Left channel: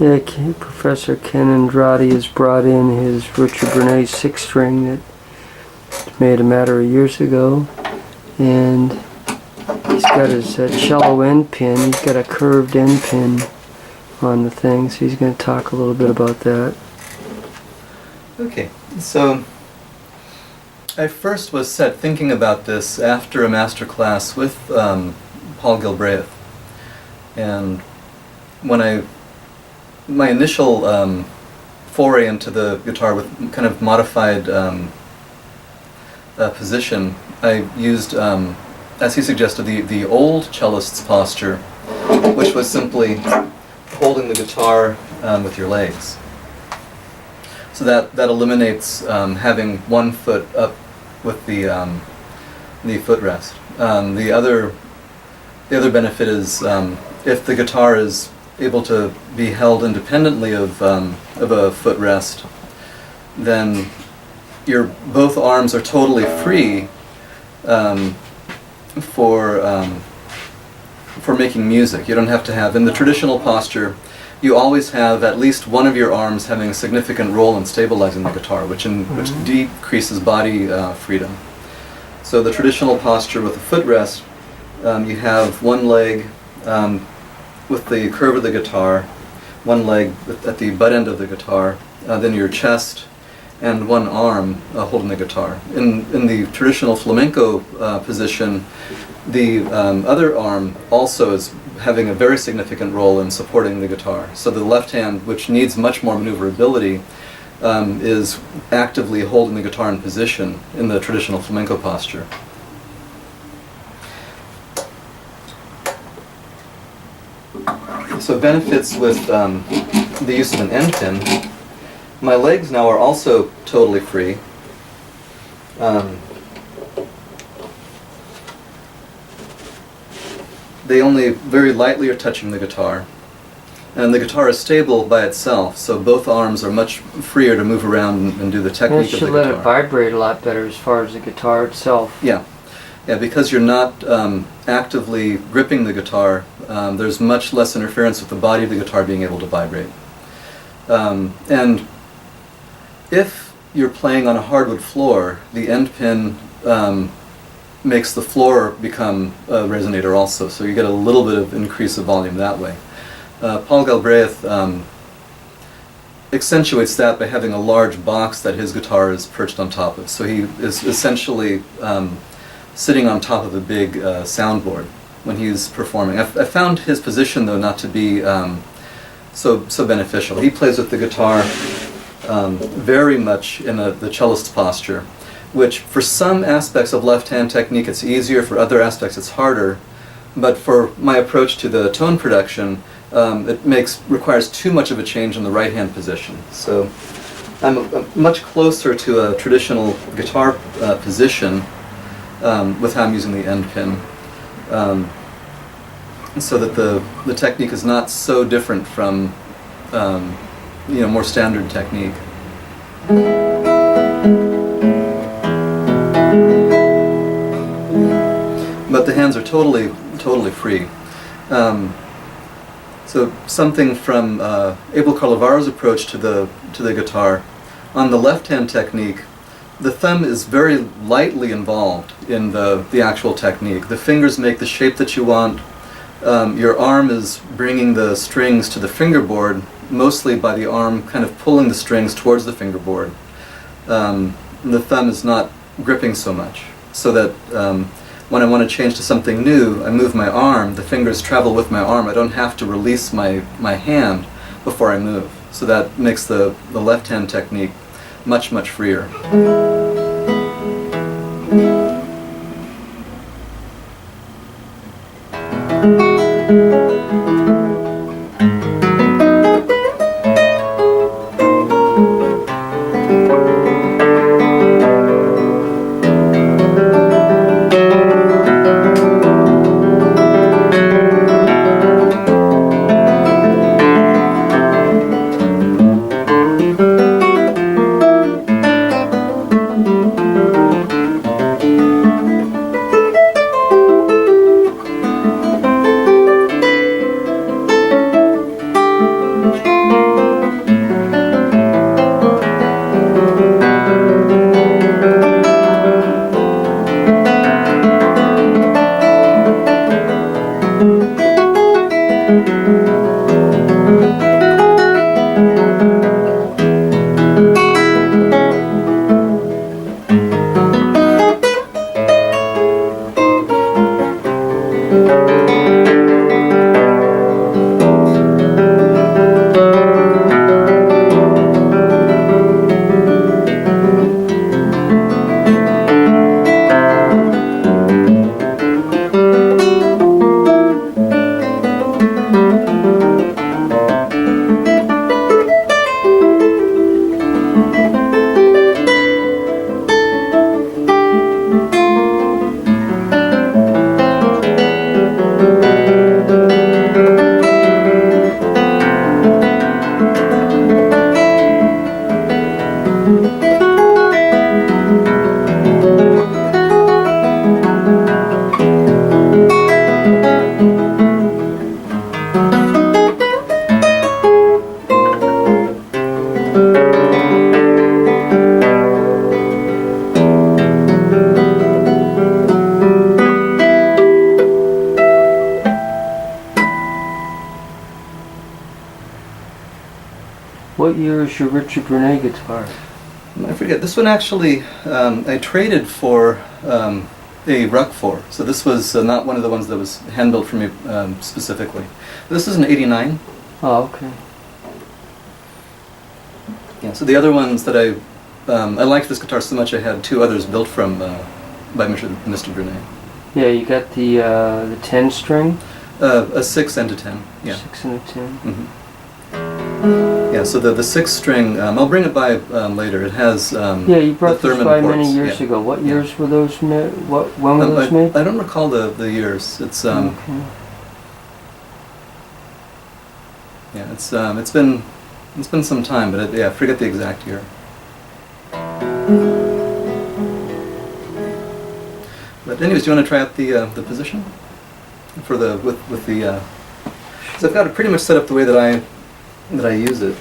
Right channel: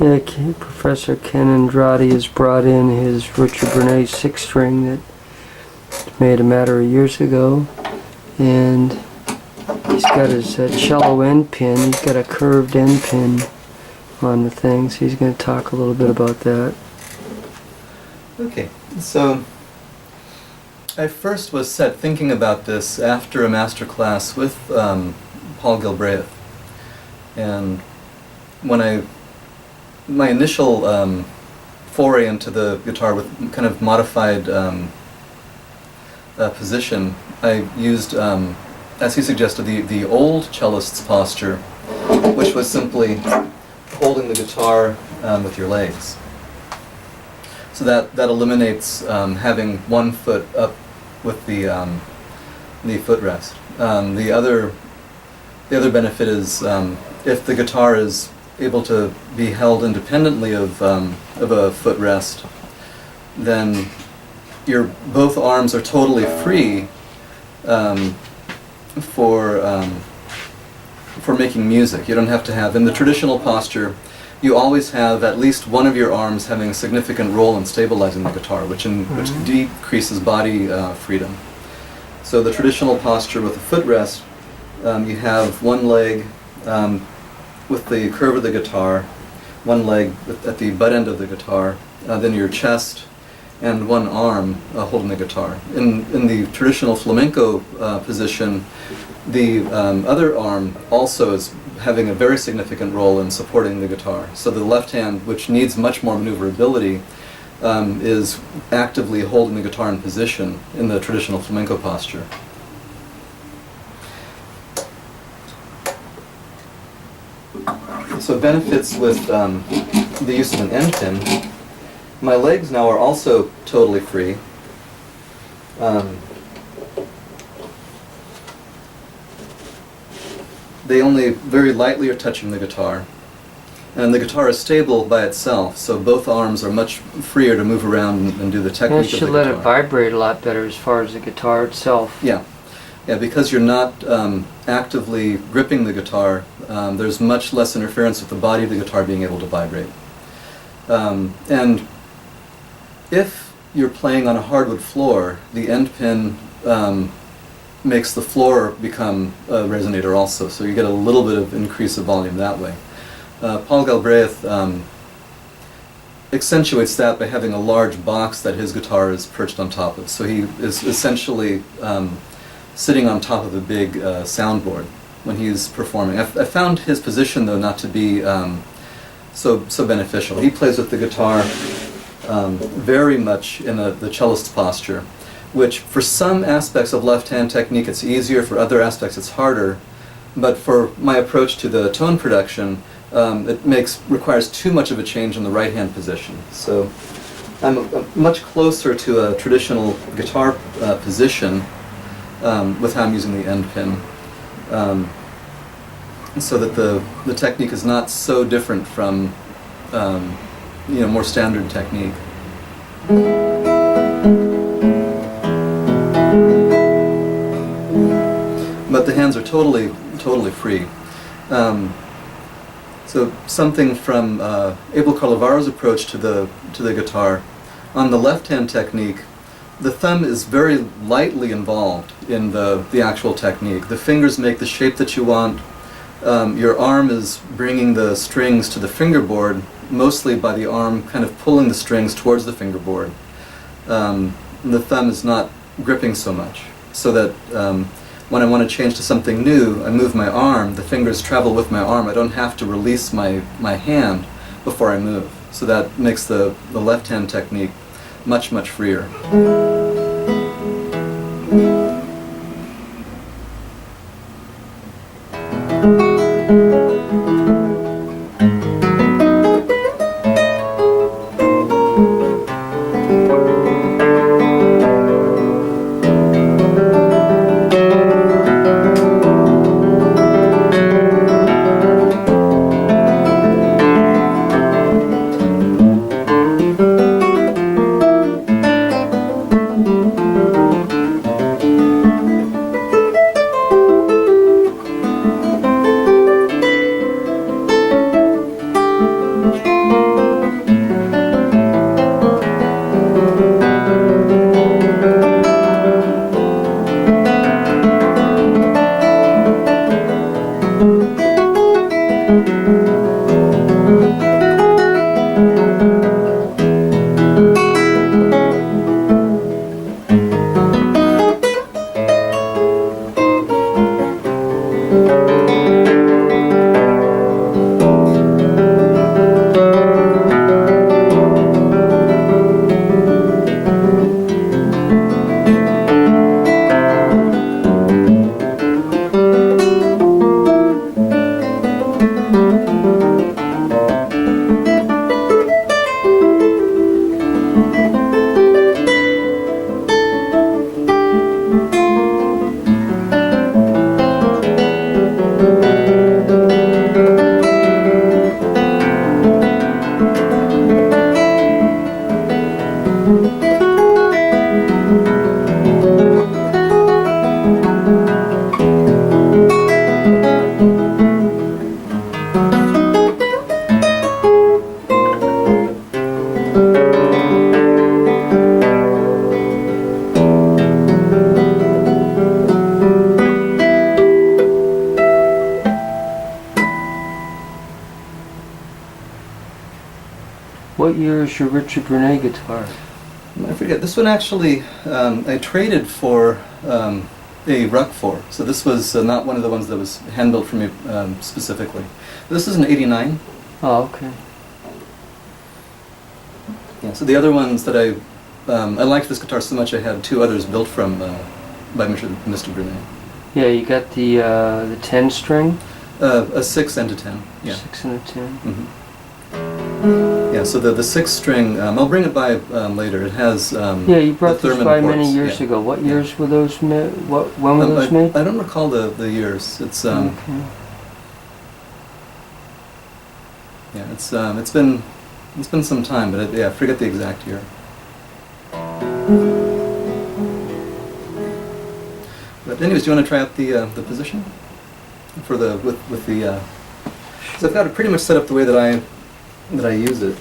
Yeah, Professor Ken Andrade has brought in his Richard Bernays 6-string that was made a matter of years ago, and he's got his cello end pin. He's got a curved end pin on the thing, so he's going to talk a little bit about that. Okay, so I first was thinking about this after a master class with Paul Gilbreth, and when my initial foray into the guitar with kind of modified position, I used, as he suggested, the old cellist's posture, which was simply holding the guitar with your legs. So that eliminates having one foot up with the footrest. The other benefit is if the guitar is able to be held independently of a footrest, then your both arms are totally free for making music. You don't have to have, in the traditional posture, you always have at least one of your arms having a significant role in stabilizing the guitar, which decreases body freedom. So the traditional posture with a footrest, you have one leg with the curve of the guitar, one leg at the butt end of the guitar, then your chest, and one arm holding the guitar. In the traditional flamenco position, the other arm also is having a very significant role in supporting the guitar. So the left hand, which needs much more maneuverability, is actively holding the guitar in position in the traditional flamenco posture. So benefits with the use of an end pin. My legs now are also totally free. They only very lightly are touching the guitar. And the guitar is stable by itself, so both arms are much freer to move around and do the technique of the guitar. It should let it vibrate a lot better as far as the guitar itself. Yeah, because you're not actively gripping the guitar, there's much less interference with the body of the guitar being able to vibrate. And if you're playing on a hardwood floor, the end pin makes the floor become a resonator also, so you get a little bit of increase of volume that way. Paul Galbraith accentuates that by having a large box that his guitar is perched on top of. So he is essentially sitting on top of a big soundboard when he's performing. I found his position, though, not to be so beneficial. He plays with the guitar very much in the cellist's posture, which for some aspects of left-hand technique it's easier, for other aspects it's harder. But for my approach to the tone production, it requires too much of a change in the right-hand position. So I'm much closer to a traditional guitar position with how I'm using the end pin, so that the technique is not so different from more standard technique. But the hands are totally free. So something from Abel Carlavaro's approach to the guitar. On the left-hand technique, the thumb is very lightly involved in the actual technique. The fingers make the shape that you want. Your arm is bringing the strings to the fingerboard, mostly by the arm kind of pulling the strings towards the fingerboard. The thumb is not gripping so much, so that when I want to change to something new, I move my arm, the fingers travel with my arm. I don't have to release my hand before I move. So that makes the left-hand technique much, much freer. What year is your Richard Bernet guitar? I forget. This one actually I traded for a Ruck for. So this was not one of the ones that was hand built for me specifically. This is an '89. Oh, okay. Yeah. So the other ones that I liked this guitar so much I had two others built from by Mr. Bernet. Yeah, you got the 10 string. A 6 and a 10. Yeah. 6 and a 10. Mm-hmm. Yeah, so the 6 string, I'll bring it by later. It has yeah, you brought the this Thurman by ports. many years ago. What years were those made? When were those made? I don't recall the years. It's Okay. yeah, it's been some time, but yeah, I forget the exact year. But anyways, do you want to try out the position for the with the? So I've got it pretty much set up the way that I use it.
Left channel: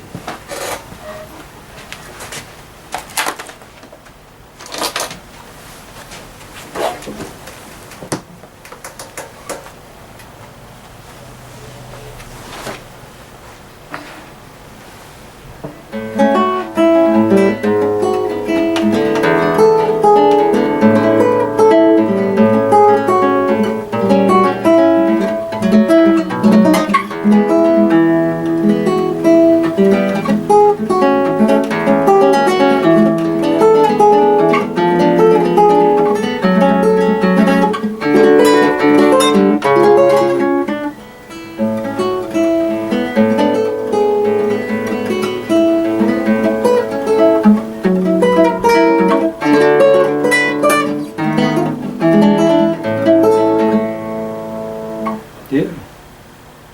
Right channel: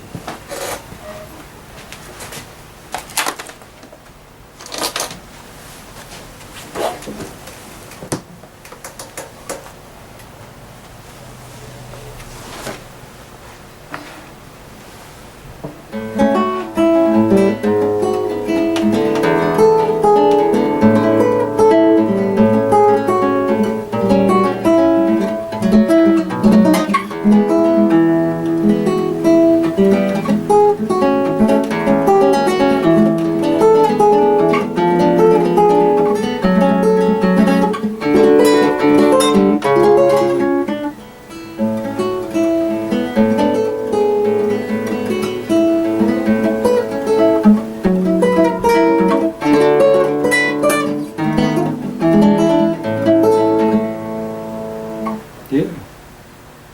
Yeah,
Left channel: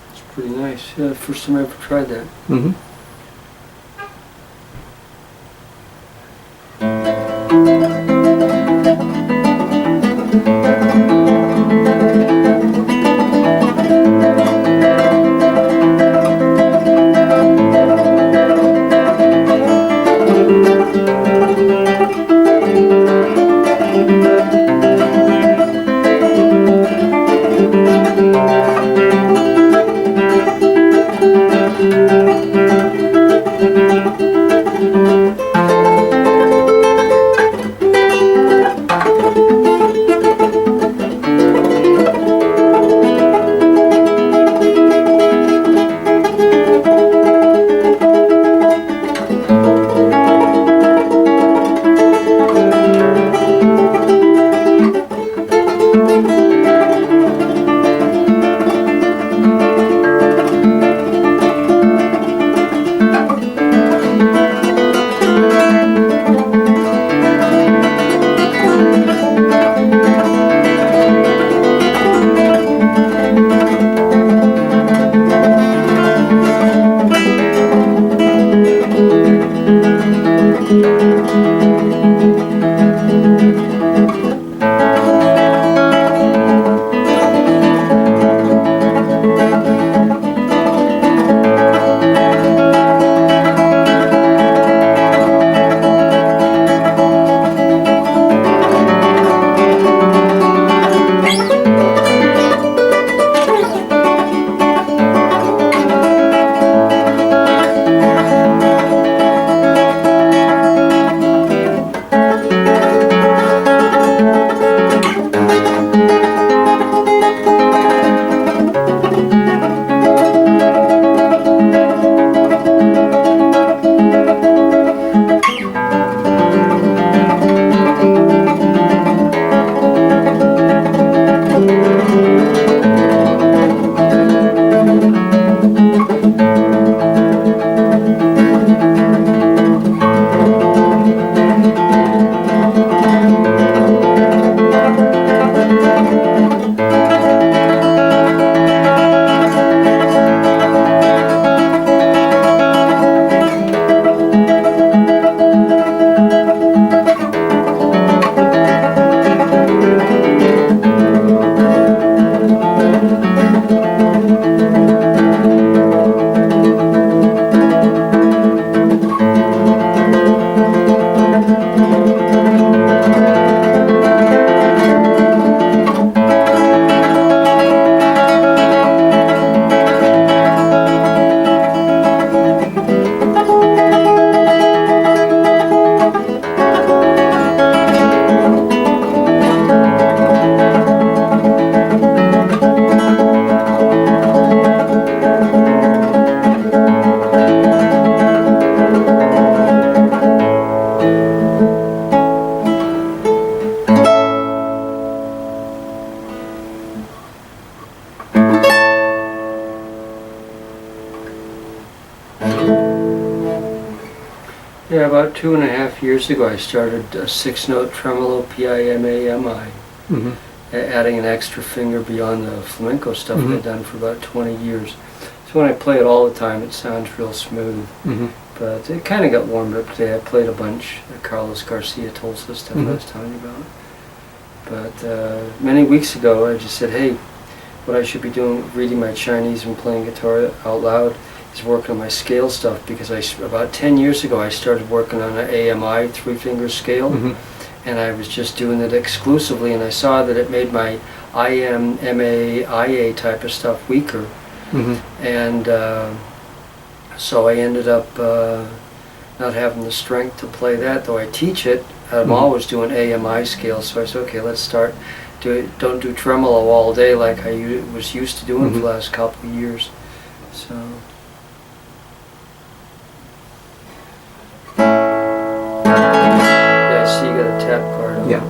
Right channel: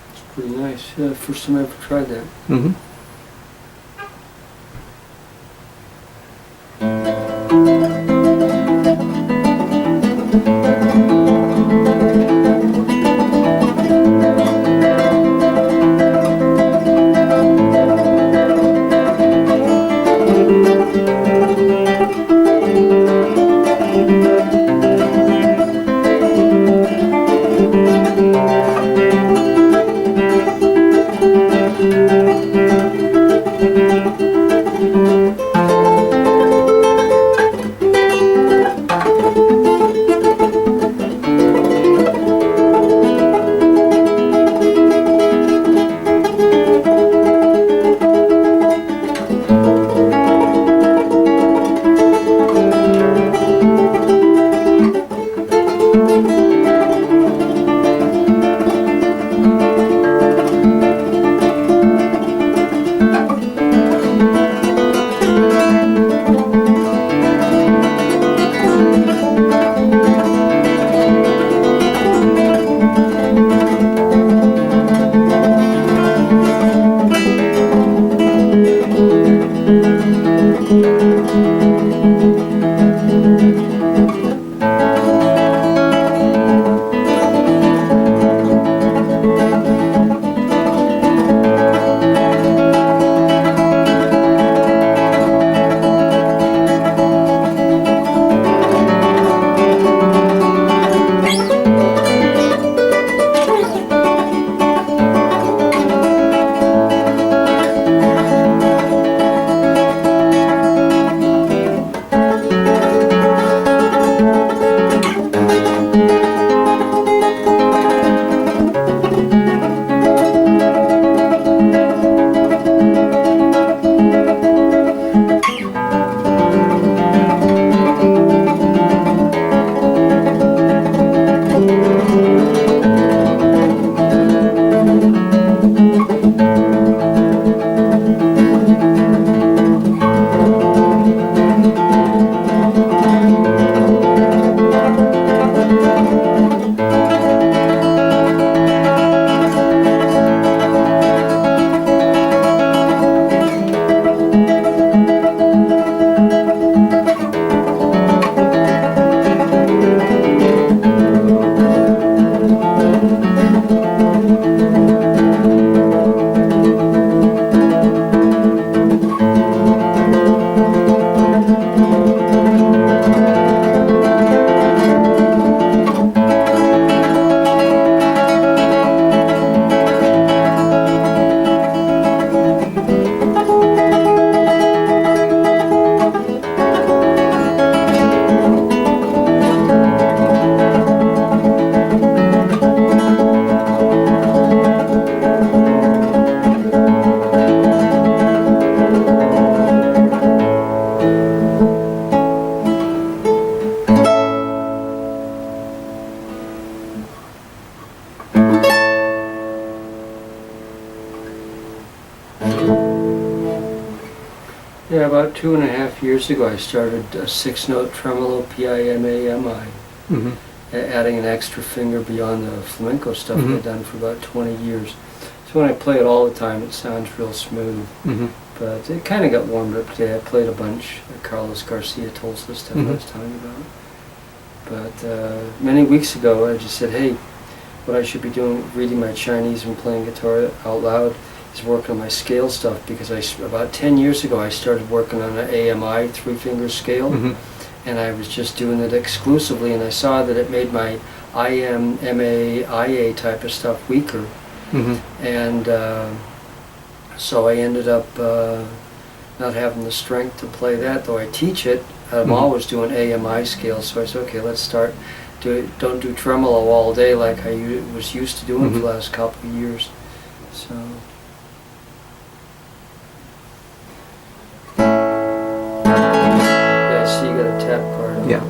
it's pretty nice. Yeah, first time I ever tried that. Mm-hmm. Yeah, about 2.5 years ago I started a 6-note tremolo, P-I-M-A-M-I, Mm-hmm. adding an extra finger beyond the flamenco stuff Mhm. I've done for about 20 years. So when I play it all the time, it sounds real smooth. Mm-hmm. But it kind of got warmed up today. I played a bunch of Carlos Garcia Tulsa stuff I Mhm. was telling you about. But many weeks ago I just said, hey, what I should be doing, reading my Chinese and playing guitar out loud, is working on my scale stuff, because about 10 years ago I started working on an AMI 3-finger scale. Mm-hmm. And I was just doing it exclusively, and I saw that it made my IM, MA, IA type of stuff weaker. Mm-hmm. And so I ended up not having the strength to play that, though I teach it. I'm Mhm. always doing AMI scales, so I said, okay, let's start. Don't do tremolo all day like I was used to doing for the Mhm. last couple of years. So. Yeah, I see you got a tap card on. Yeah.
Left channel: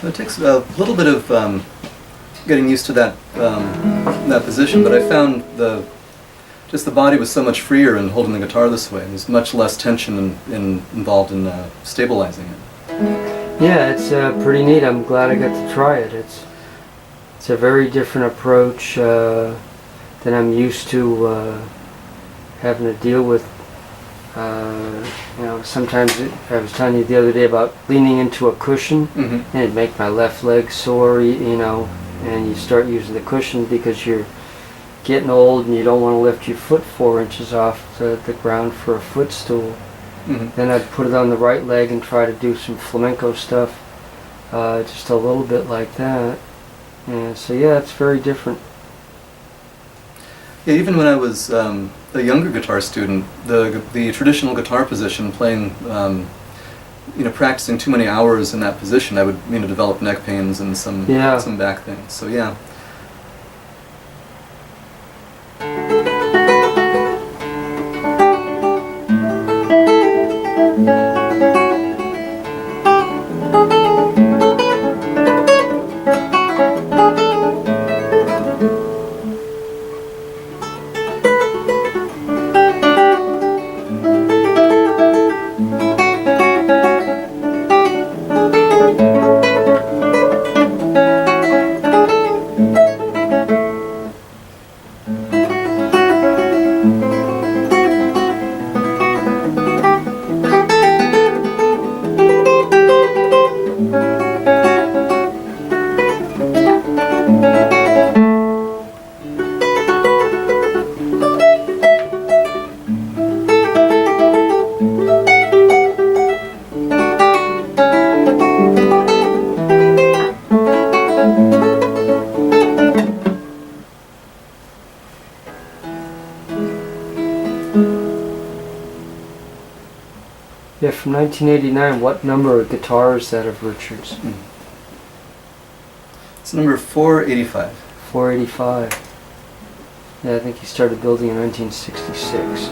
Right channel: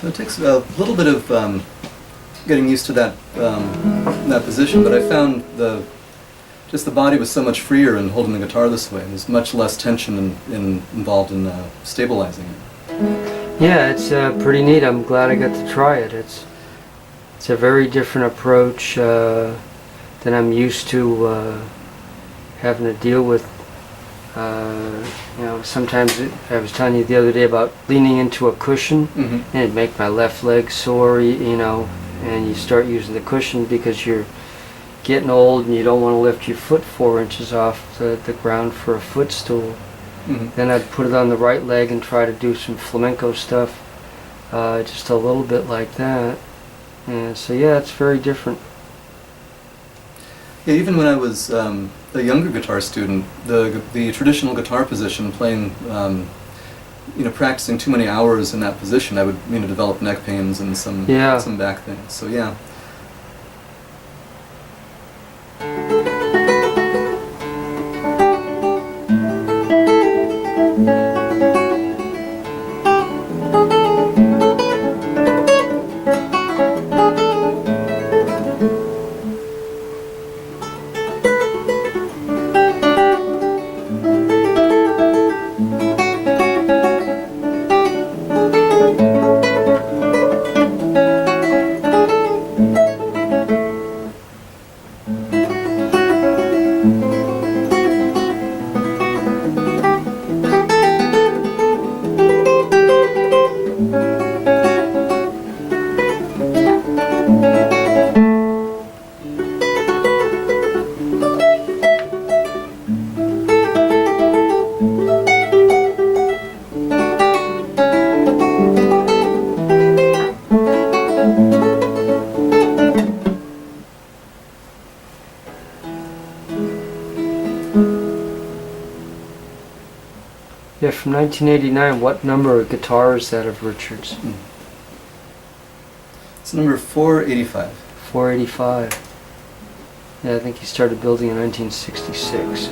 So it takes a little bit of getting used to that position, but I found just the body was so much freer in holding the guitar this way. There's much less tension involved in stabilizing it. Yeah, it's pretty neat. I'm glad I got to try it. It's a very different approach than I'm used to having to deal with. Sometimes I was telling you the other day about leaning into a cushion, Mm-hmm. and it'd make my left leg sore, and you start using the cushion because you're getting old and you don't want to lift your foot 4 inches off the ground for a footstool. Mm-hmm. Then I'd put it on the right leg and try to do some flamenco stuff, just a little bit like that. And so yeah, it's very different. Yeah, even when I was a younger guitar student, the traditional guitar position, playing, practicing too many hours in that position, I would develop neck pains and some back things. So yeah. Yeah, from 1989, what number of guitar is that of Richard's? It's number 485. 485. Yeah, I think he started building in 1966.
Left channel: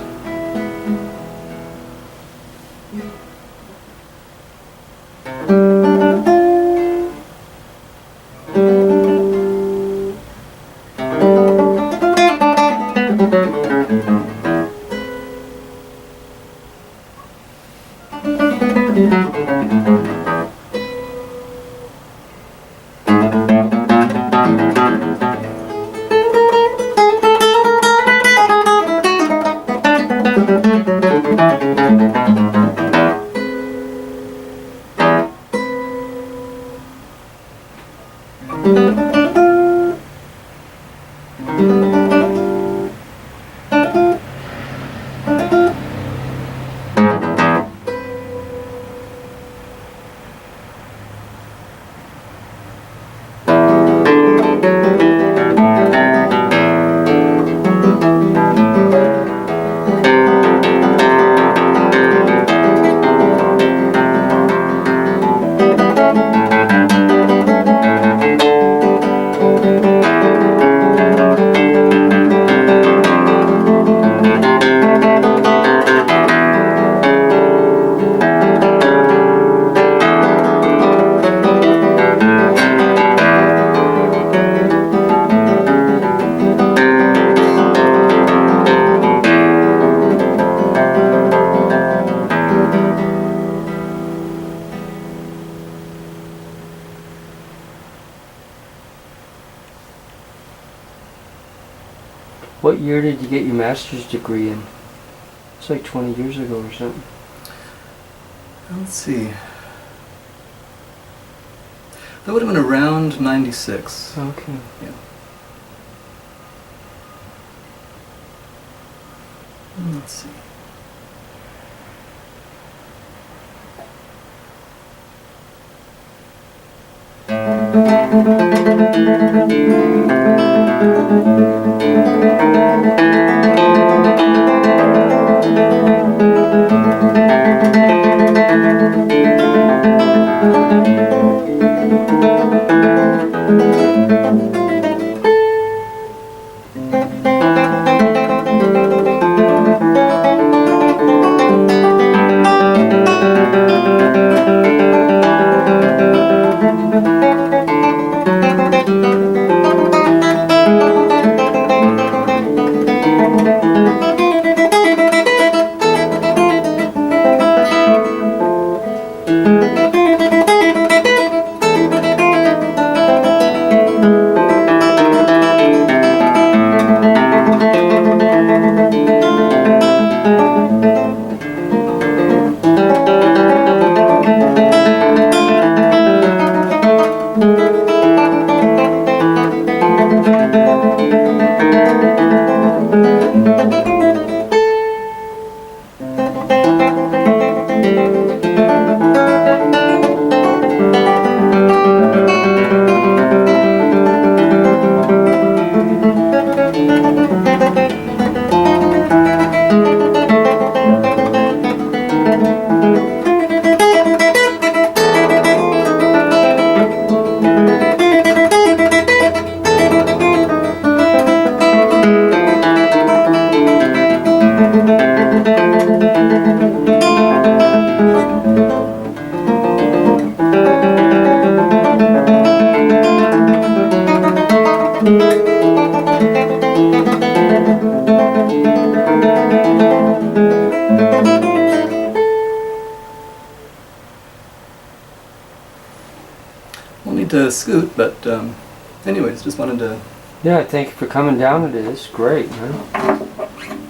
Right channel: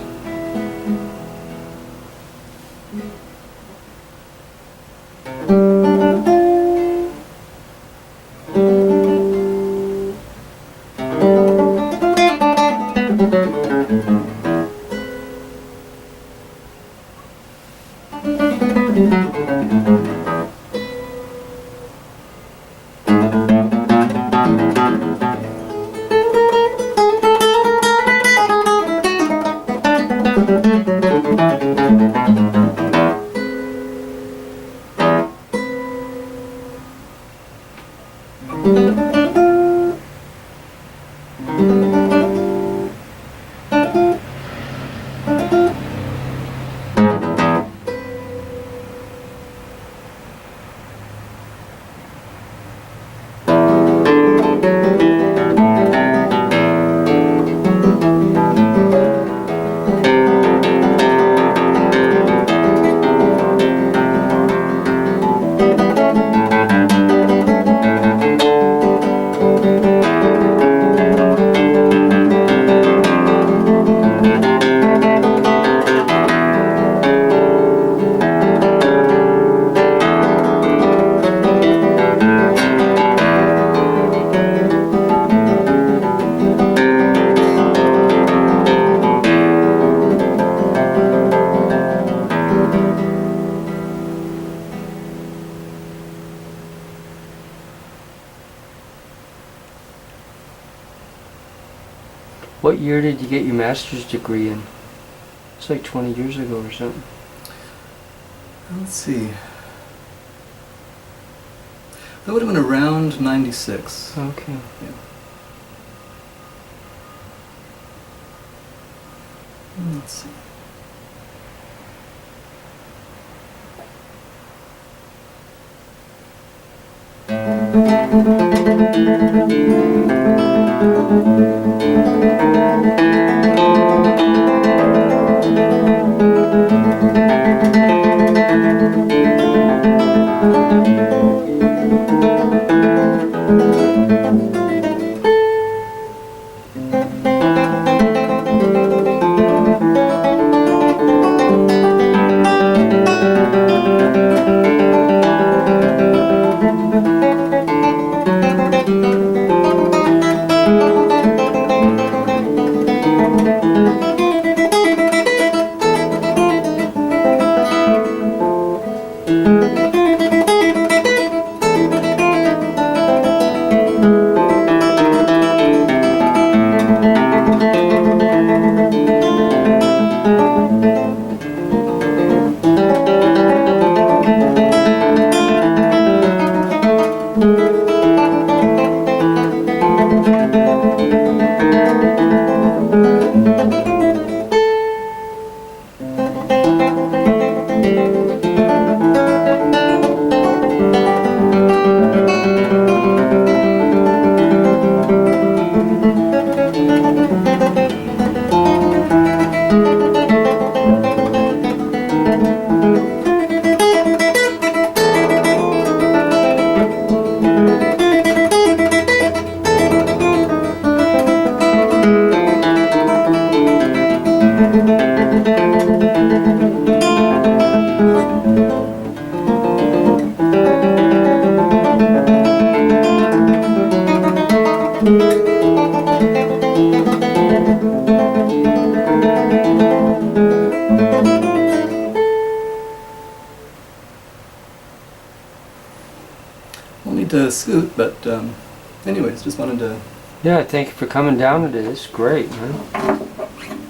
What year did you get your master's degree in? It's like 20 years ago or something. Let's see. That would have been around 96. Okay. Yeah. Let's see. I'll need to scoot, but anyways, just wanted to... Yeah, thank you for coming down today. It's great, man.